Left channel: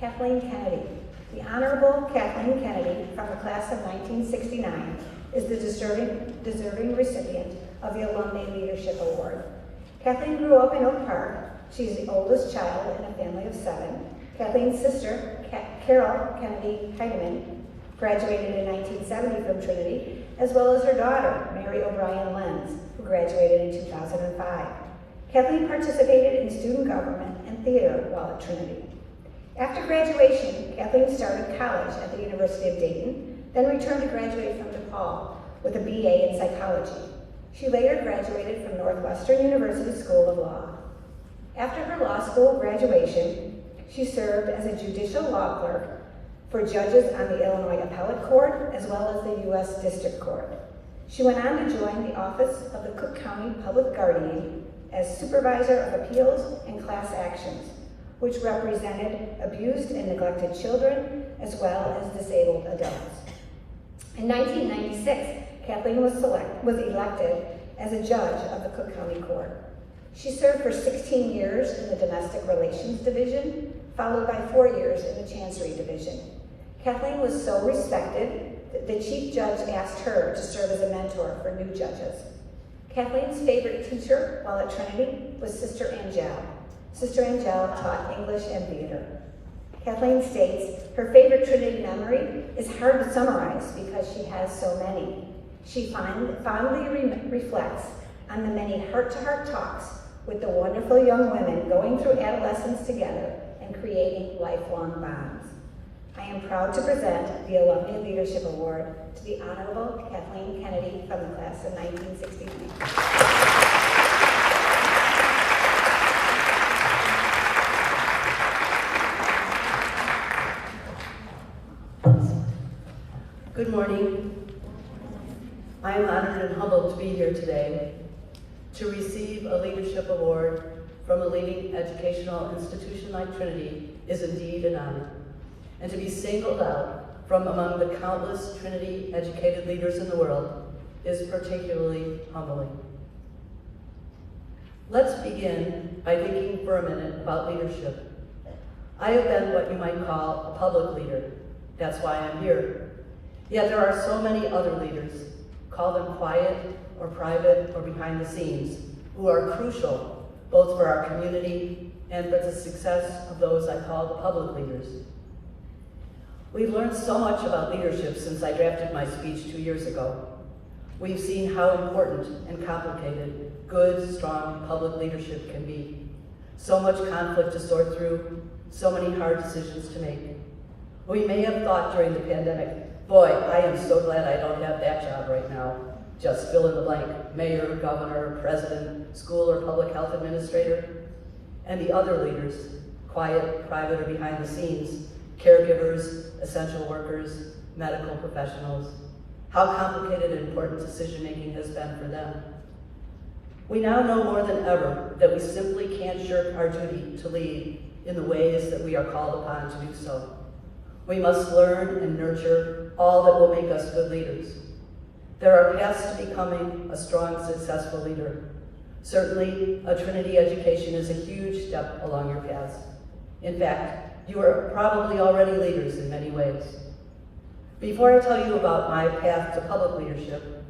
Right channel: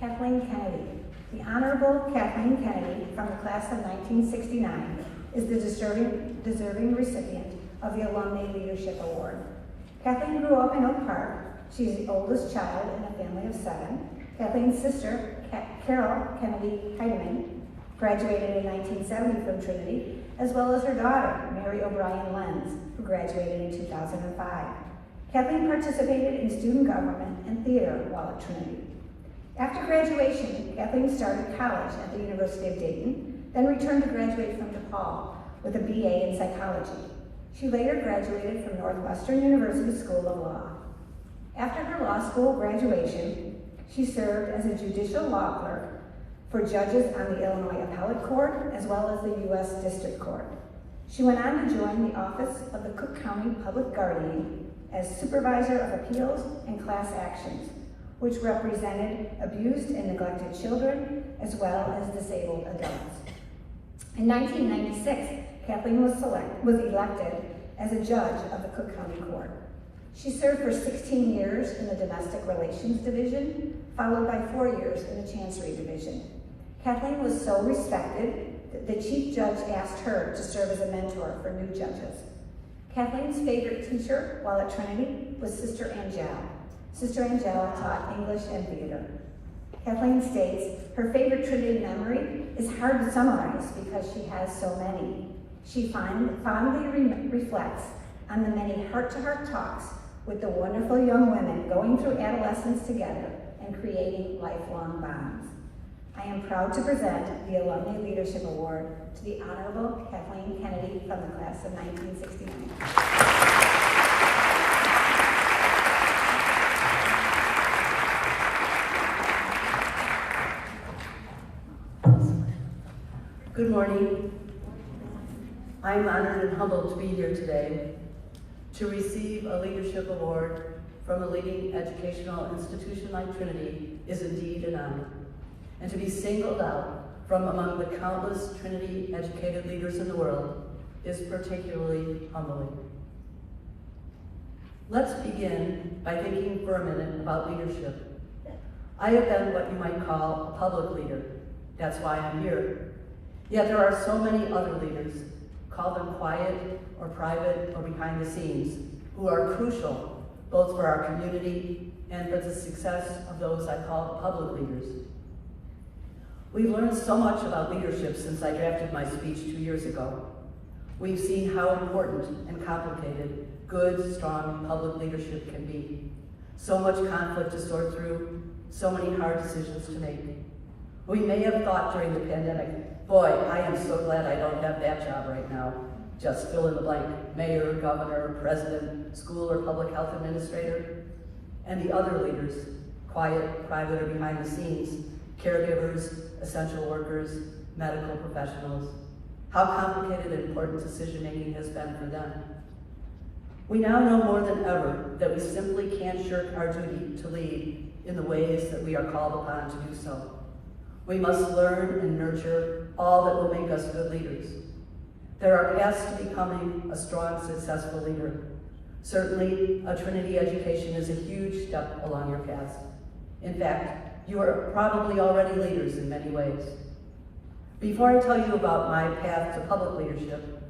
Kathleen Kennedy. The Honorable Kathleen Kennedy from the class of 1969 is the deserving recipient of the Alumnae Leadership Award. Kathleen grew up in Oak Park. She's the oldest child in a family of 7. Kathleen's sister, Carol Kennedy Heidemann, graduated in 1970 from Trinity, as well as her daughter, Mary O'Brien Lenz, who graduated in 2005. Kathleen participated in student government and theater while at Trinity. After graduation, Kathleen started college at the University of Dayton, then returned to graduate from DePaul with a BA in psychology. She later graduated from Northwestern University School of Law. After her law school graduation, she served as a judicial law clerk for judges on the Illinois Appellate Court as well as the U.S. District Court. She went on to join the Office of the Cook County Public Guardian as Supervisor of Appeals and Class Actions, which represented abused and neglected children as well as disabled adults. In 1996, Kathleen was elected as a judge of the Cook County Court. She served for 16 years in the Domestic Relations Division, followed by 4 years in the Chancery Division. Kathleen was so respected that the Chief Judge asked her to serve as a mentor for new judges. Kathleen's favorite teacher while at Trinity was Sister Angel. Sister Angel taught English and theater. Kathleen states her favorite Trinity memory is hard to summarize because she has so many. She fondly reflects on the many heart-to-heart talks with the wonderful young women going through adolescence together and creating lifelong bonds. I am proud to present the Alumnae Leadership Award to the Honorable Kathleen Kennedy from the class of 1969. Good morning. I am honored and humbled to be here today to receive a leadership award from a leading educational institution like Trinity is indeed an honor. And to be singled out from among the countless Trinity educated leaders in the world is particularly humbling. Let's begin by thinking for a minute about leadership. I have been what you might call a public leader. That's why I'm here. Yet there are so many other leaders, call them quiet or private or behind the scenes, who are crucial both for our community and for the success of those I call public leaders. We've learned so much about leadership since I drafted my speech 2 years ago. We've seen how important and complicated good, strong public leadership can be. So much conflict to sort through, so many hard decisions to make. We may have thought during the pandemic, boy, I am so glad I don't have that job right now. Just fill in the blank, mayor, governor, president, school or public health administrator. And the other leaders, quiet, private, or behind the scenes, caregivers, essential workers, medical professionals. How complicated and important decision-making has been for them. We now know more than ever that we simply can't shirk our duty to lead in the ways that we are called upon to do so. We must learn and nurture all that will make us good leaders. There are paths to becoming a strong, successful leader. Certainly, a Trinity education is a huge step along your path. In fact, you are probably already leaders in many ways. Before I tell you about my path to public leadership,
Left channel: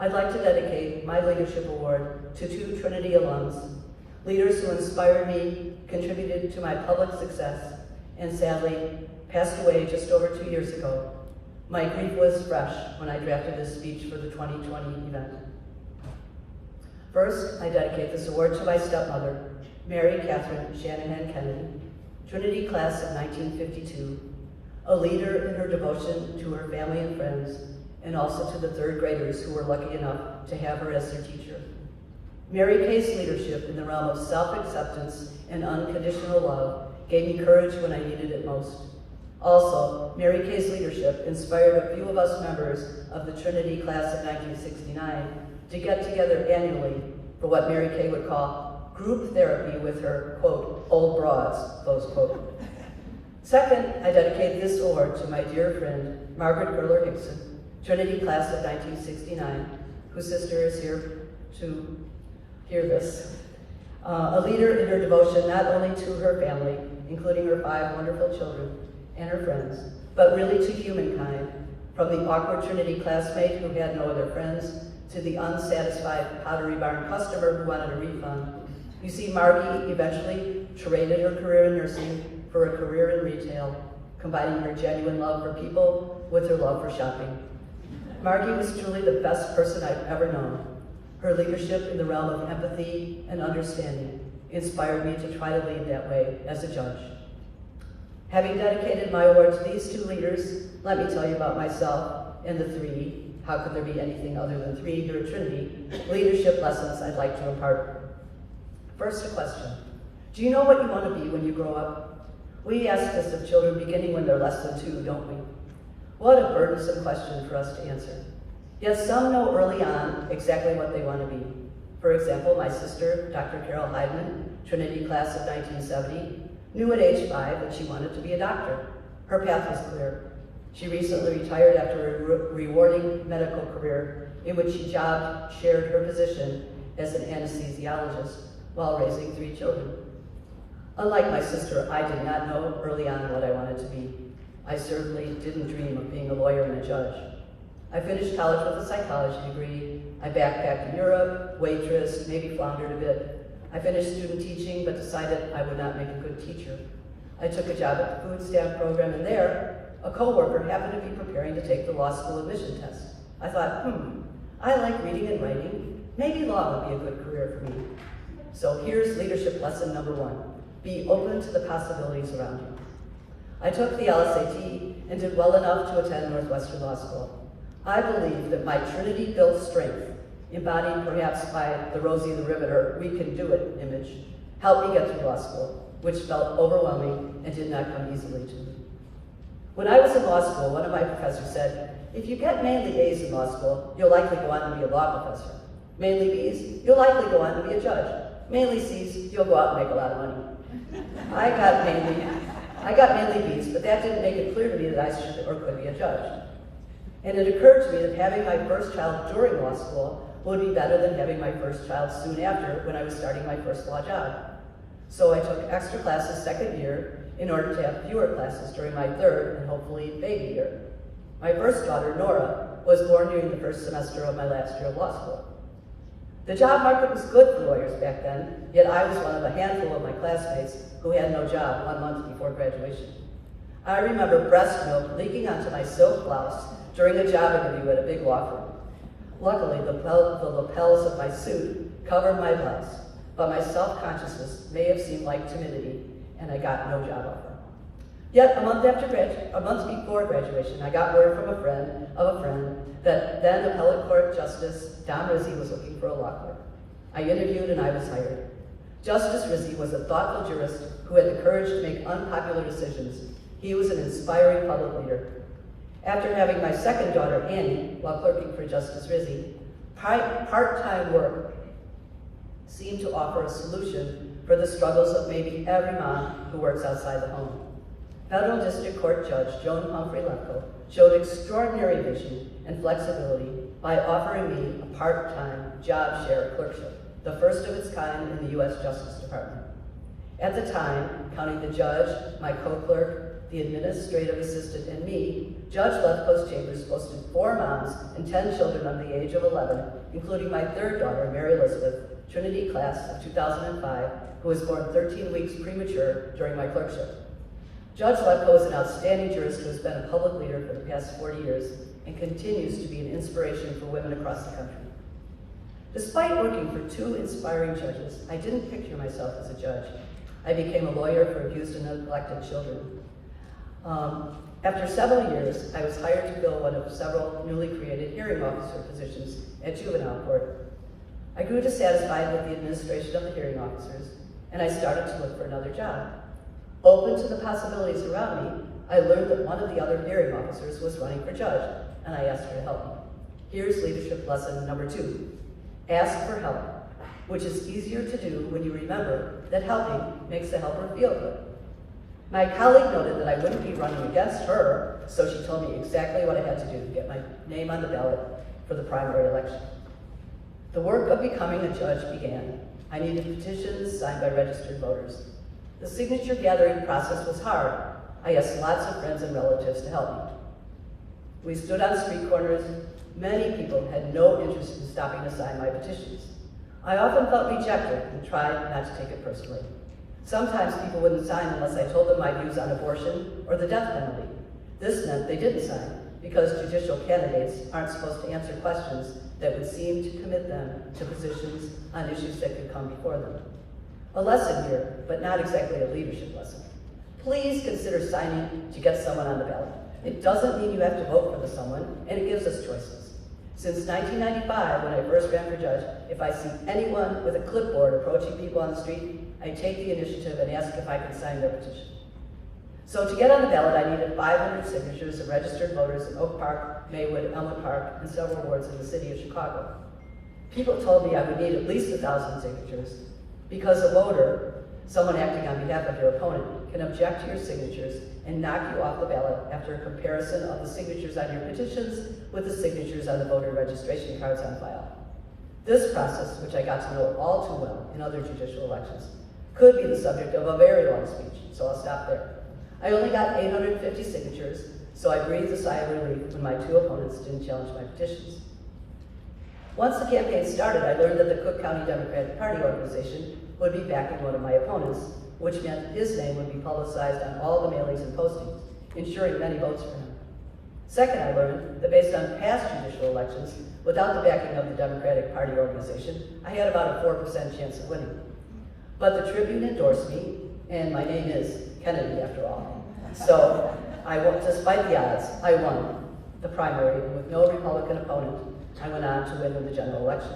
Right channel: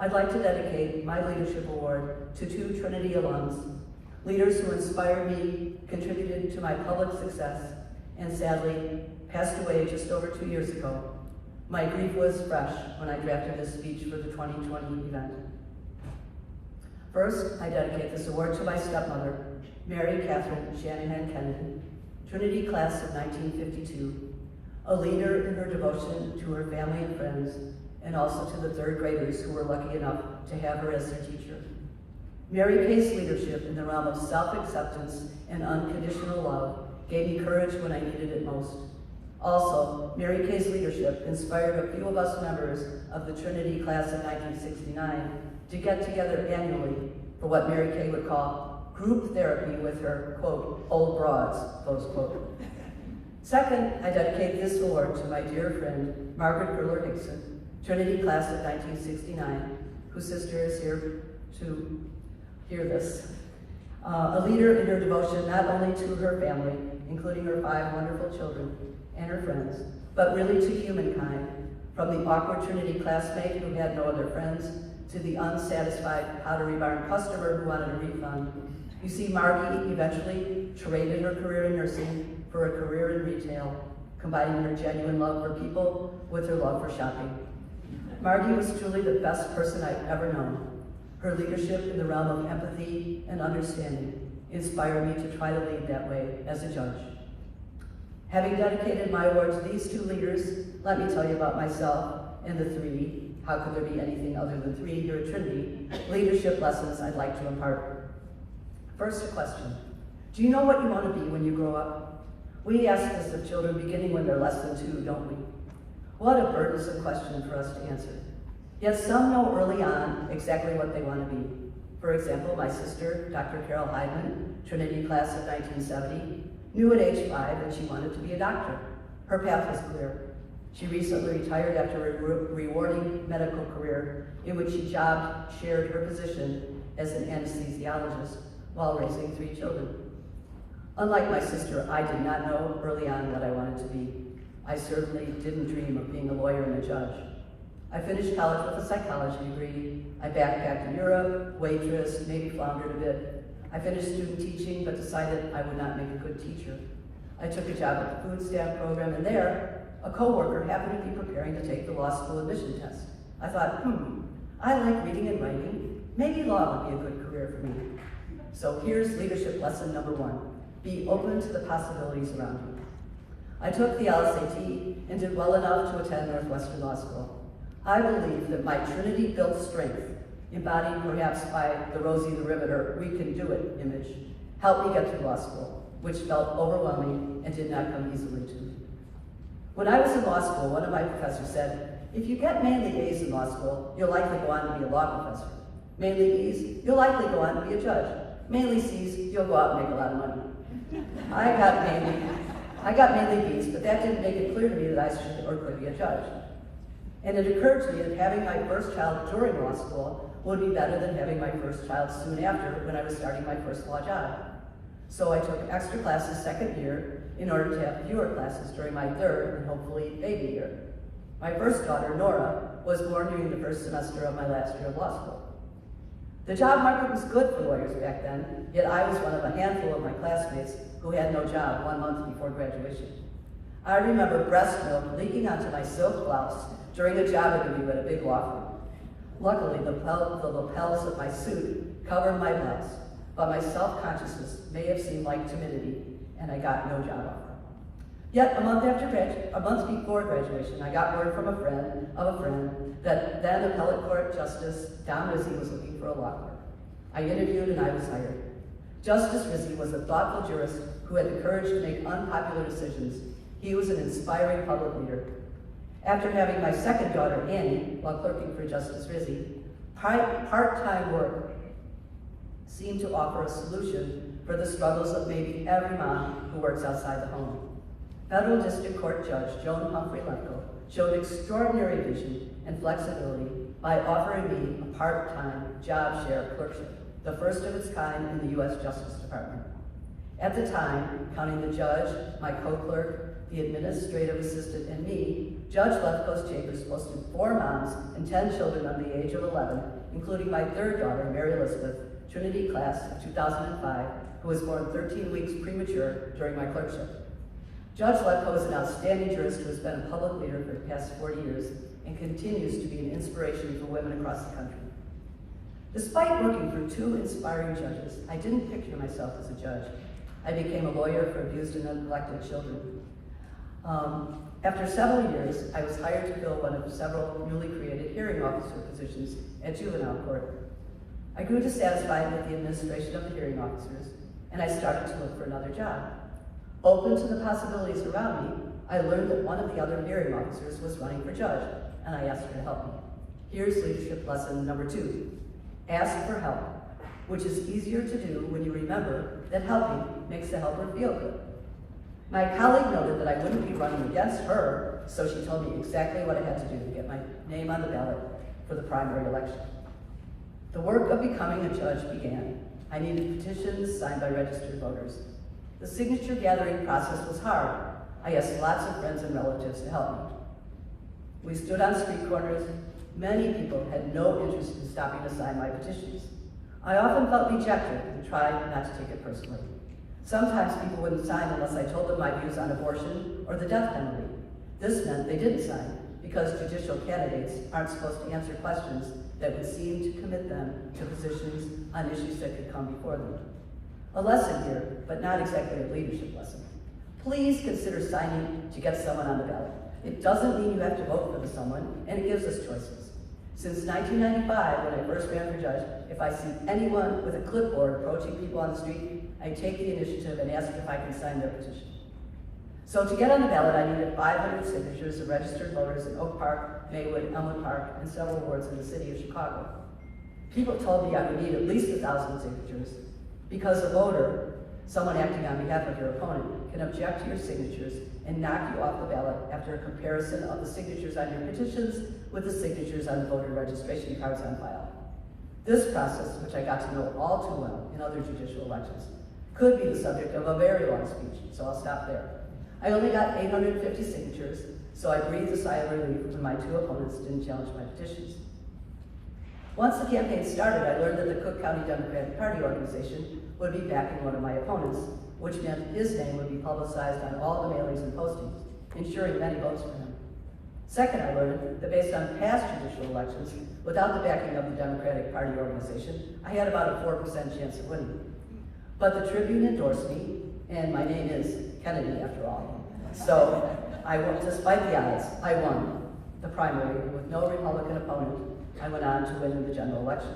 I'd like to dedicate my leadership award to 2 Trinity alums, leaders who inspired me, contributed to my public success, and sadly, passed away just over 2 years ago. My grief was fresh when I drafted this speech for the 2020 event. First, I dedicate this award to my stepmother, Mary Catherine Shanahan Kennedy, Trinity class of 1952, a leader in her devotion to her family and friends, and also to the 3rd graders who were lucky enough to have her as their teacher. Mary Kay's leadership in the realm of self-acceptance and unconditional love gave me courage when I needed it most. Also, Mary Kay's leadership inspired a few of us members of the Trinity class of 1969 to get together annually for what Mary Kay would call group therapy with her, quote, old broads, close quote. Second, I dedicate this award to my dear friend, Margaret Burler Hickson, Trinity class of 1969, whose sister is here to hear this. A leader in her devotion not only to her family, including her 5 wonderful children and her friends, but really to humankind, from the awkward Trinity classmate who had no other friends, to the unsatisfied Pottery Barn customer who wanted a refund. You see, Margie eventually traded her career in nursing for a career in retail, combining her genuine love for people with her love for shopping. Margie was truly the best person I've ever known. Her leadership in the realm of empathy and understanding inspired me to try to lead that way as a judge. Having dedicated my award to these 2 leaders, let me tell you about myself and the 3, how could there be anything other than 3 here at Trinity, leadership lessons I'd like to impart. First, a question. Do you know what you want to be when you grow up? We ask this of children beginning when they're less than 2, don't we? What a burdensome question for us to answer. Yet some know early on exactly what they want to be. For example, my sister, Dr. Carol Heidman, Trinity class of 1970, knew at age 5 that she wanted to be a doctor. Her path was clear. She recently retired after a rewarding medical career in which she shared her position as an anesthesiologist while raising 3 children. Unlike my sister, I did not know early on what I wanted to be. I certainly didn't dream of being a lawyer and a judge. I finished college with a psychology degree. I backpacked in Europe, waitressed, maybe floundered a bit. I finished student teaching, but decided I would not make a good teacher. I took a job at the food stamp program, and there, a coworker happened to be preparing to take the law school admission test. I thought, I like reading and writing. Maybe law would be a good career for me. So here's leadership lesson number 1. Be open to the possibilities around you. I took the LSAT and did well enough to attend Northwestern Law School. I believe that my Trinity-built strength, embodied perhaps by the Rosie the Riveter, we can do it image, helped me get through law school, which felt overwhelming and did not come easily to me. When I was in law school, one of my professors said, if you get mainly A's in law school, you'll likely go on to be a law professor. Mainly B's, you'll likely go on to be a judge. Mainly C's, you'll go out and make a lot of money. I got mainly B's, but that didn't make it clear to me that I should or could be a judge. And it occurred to me that having my first child during law school would be better than having my first child soon after when I was starting my first law job. So I took extra classes second year in order to have fewer classes during my third and hopefully baby year. My first daughter, Nora, was born during the first semester of my last year of law school. The job market was good for lawyers back then, yet I was one of a handful of my classmates who had no job 1 month before graduation. I remember breast milk leaking onto my silk blouse during a job interview at a big law firm. Luckily, the lapels of my suit covered my blouse, but my self-consciousness may have seemed like timidity, and I got no job offer. Yet a month before graduation, I got word from a friend that then Appellate Court Justice Don Rizzi was looking for a law clerk. I interviewed and I was hired. Justice Rizzi was a thoughtful jurist who had the courage to make unpopular decisions. He was an inspiring public leader. After having my second daughter, Annie, while clerking for Justice Rizzi, part-time work seemed to offer a solution for the struggles of maybe every mom who works outside the home. Federal District Court Judge Joan Humphrey-Lecco showed extraordinary vision and flexibility by offering me a part-time job share clerkship, the first of its kind in the U.S. Justice Department. At the time, counting the judge, my co-clerk, the administrative assistant, and me, Judge Lefko's chambers posted 4 moms and 10 children under the age of 11, including my third daughter, Mary Elizabeth, Trinity class of 2005, who was born 13 weeks premature during my clerkship. Judge Lefko is an outstanding jurist who has been a public leader for the past 40 years and continues to be an inspiration for women across the country. Despite working for 2 inspiring judges, I didn't picture myself as a judge. I became a lawyer for abused and neglected children. After several years, I was hired to fill one of several newly created hearing officer positions at juvenile court. I grew dissatisfied with the administration of the hearing officers, and I started to look for another job. Open to the possibilities around me, I learned that one of the other hearing officers was running for judge, and I asked her to help me. Here's leadership lesson number 2. Ask for help, which is easier to do when you remember that helping makes the helper feel good. My colleague noted that I wouldn't be running against her, so she told me exactly what I had to do to get my name on the ballot for the primary election. The work of becoming a judge began. I needed petitions signed by registered voters. The signature gathering process was hard. I asked lots of friends and relatives to help me. We stood on street corners. Many people had no interest in stopping to sign my petitions. I often felt rejected and tried not to take it personally. Sometimes people wouldn't sign unless I told them my views on abortion or the death penalty. This meant they didn't sign, because judicial candidates aren't supposed to answer questions that would seem to commit them to positions on issues that could come before them. A lesson here, but not exactly a leadership lesson. Please consider signing to get someone on the ballot. It doesn't mean you have to vote for someone, and it gives us choices. Since 1995, when I first ran for judge, if I see anyone with a clipboard approaching people on the street, I take the initiative and ask if I can sign their petition. So to get on the ballot, I needed 500 signatures of registered voters in Oak Park, Maywood, Elmwood Park, and several wards in the city of Chicago. People told me I would need at least 1,000 signatures, because a voter, someone acting on behalf of your opponent, can object to your signatures and knock you off the ballot after a comparison of the signatures on your petitions with the signatures on the voter registration cards on file. This process, which I got to know all too well in other judicial elections, could be the subject of a very long speech, so I'll stop there. I only got 850 signatures, so I breathed a sigh of relief when my two opponents didn't challenge my petitions. Once the campaign started, I learned that the Cook County Democratic Party organization would be backing one of my opponents, which meant his name would be publicized on all the mailings and postings, ensuring many votes for him. Second, I learned that based on past judicial elections, without the backing of the Democratic Party organization, I had about a 4% chance of winning. But the Tribune endorsed me, and my name is Kennedy after all. So I won, despite the odds, I won the primary with no Republican opponent. I went on to win the general election.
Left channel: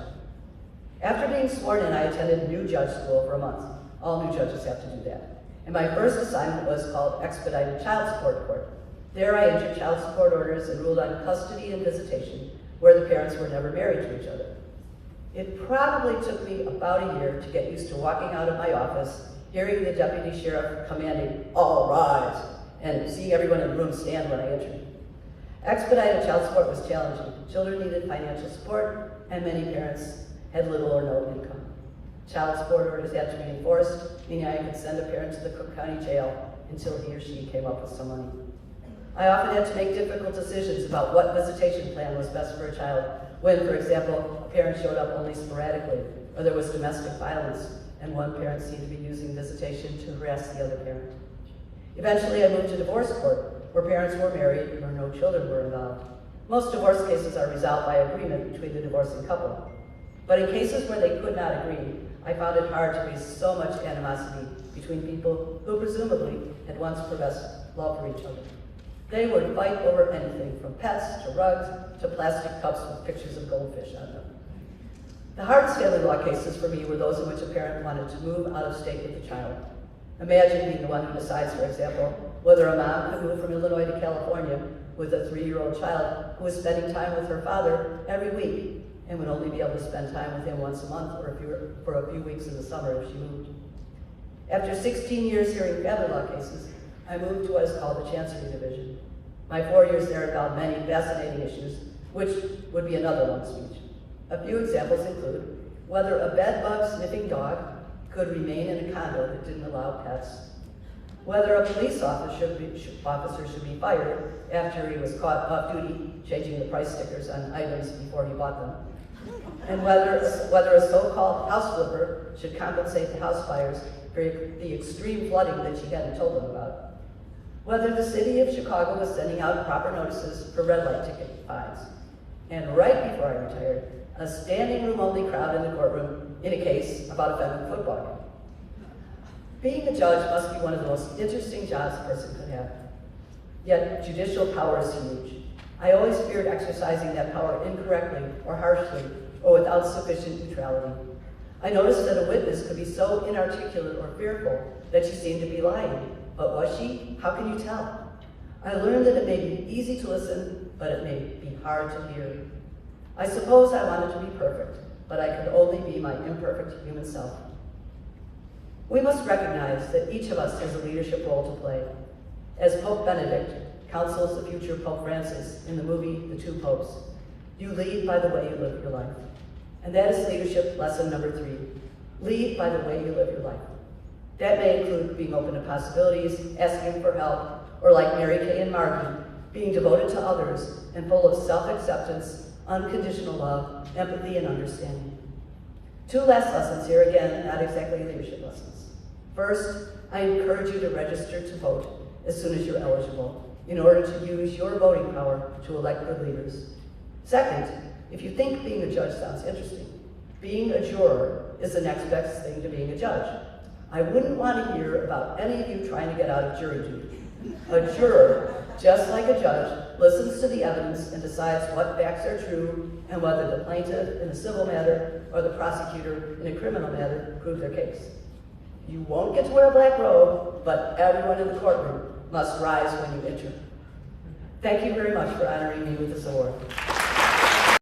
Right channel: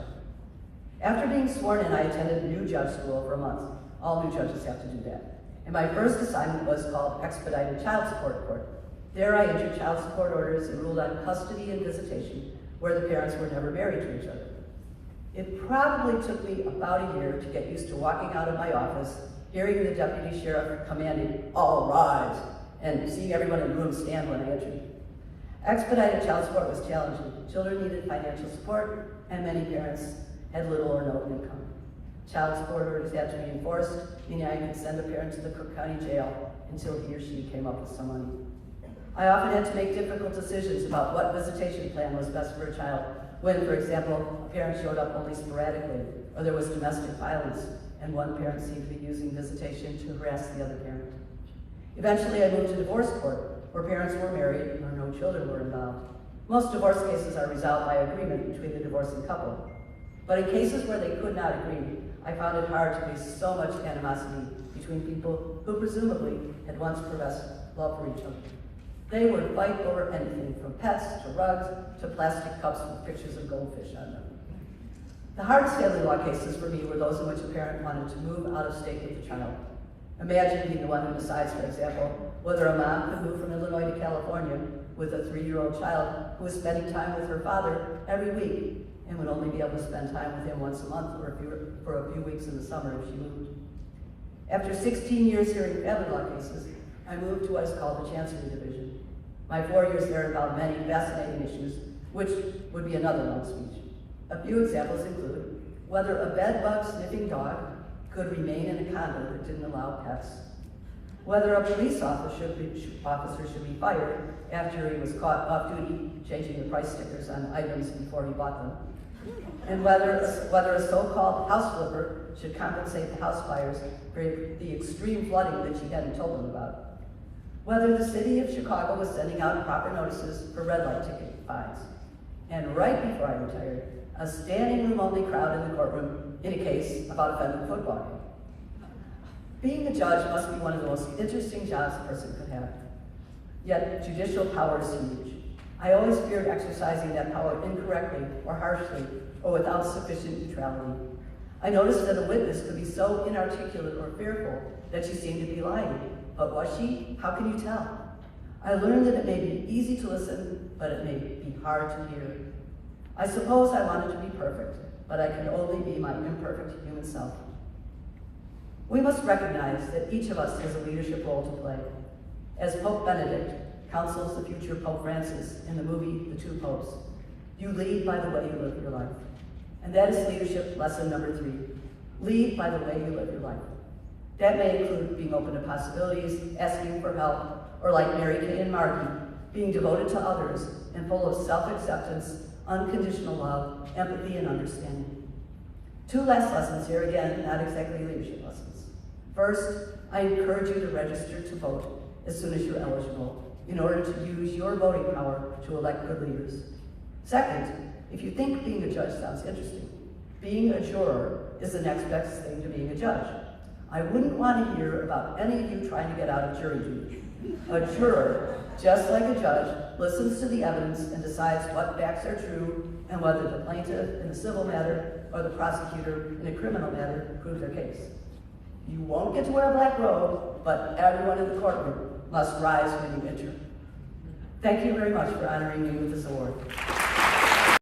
After being sworn in, I attended new judge school for a month. All new judges have to do that. And my first assignment was called Expedited Child Support Court. There I entered child support orders and ruled on custody and visitation, where the parents were never married to each other. It probably took me about a year to get used to walking out of my office, hearing the deputy sheriff commanding, "All rise," and seeing everyone in the room stand when I entered. Expedited child support was challenging. Children needed financial support, and many parents had little or no income. Child support orders had to be enforced, meaning I could send a parent to the Cook County jail until he or she came up with some money. I often had to make difficult decisions about what visitation plan was best for a child when, for example, a parent showed up only sporadically, or there was domestic violence, and one parent seemed to be using visitation to harass the other parent. Eventually, I moved to divorce court, where parents were married and where no children were involved. Most divorce cases are resolved by agreement between the divorcing couple. But in cases where they could not agree, I found it hard to face so much animosity between people who presumably had once professed love for each other. They would fight over anything from pets to rugs to plastic cups with pictures of goldfish on them. The hardest family law cases for me were those in which a parent wanted to move out of state with the child. Imagine being the one who decides, for example, whether a mom could move from Illinois to California with a 3-year-old child who was spending time with her father every week and would only be able to spend time with him once a month or for a few weeks in the summer if she moved. After 16 years hearing family law cases, I moved to what is called the Chancery Division. My 4 years there involved many fascinating issues, which would be another long speech. A few examples include whether a bed-bug-sniffing dog could remain in a condo that didn't allow pets, whether a police officer should be fired after he was caught off-duty changing the price stickers on items before he bought them, and whether a so-called house flipper should compensate the house buyers for the extreme flooding that she hadn't told them about, whether the city of Chicago was sending out proper notices for red light ticket fines, and right before I retired, a standing room only crowd in the courtroom in a case about a Fenton football game. Being a judge must be one of the most interesting jobs a person could have. Yet judicial power is huge. I always feared exercising that power incorrectly or harshly or without sufficient neutrality. I noticed that a witness could be so inarticulate or fearful that she seemed to be lying. But was she? How can you tell? I learned that it may be easy to listen, but it may be hard to hear. I suppose I wanted to be perfect, but I could only be my imperfect human self. We must recognize that each of us has a leadership role to play. As Pope Benedict counsels the future Pope Francis in the movie The Two Popes, you lead by the way you live your life. And that is leadership lesson number 3. Lead by the way you live your life. That may include being open to possibilities, asking for help, or like Mary Kay and Margie, being devoted to others and full of self-acceptance, unconditional love, empathy, and understanding. 2 last lessons here, again, not exactly leadership lessons. First, I encourage you to register to vote as soon as you're eligible in order to use your voting power to elect good leaders. Second, if you think being a judge sounds interesting, being a juror is the next best thing to being a judge. I wouldn't want to hear about any of you trying to get out of jury duty. A juror, just like a judge, listens to the evidence and decides what facts are true and whether the plaintiff in a civil matter or the prosecutor in a criminal matter proves their case. You won't get to wear a black robe, but everyone in the courtroom must rise when you enter. Thank you very much for honoring me with this award.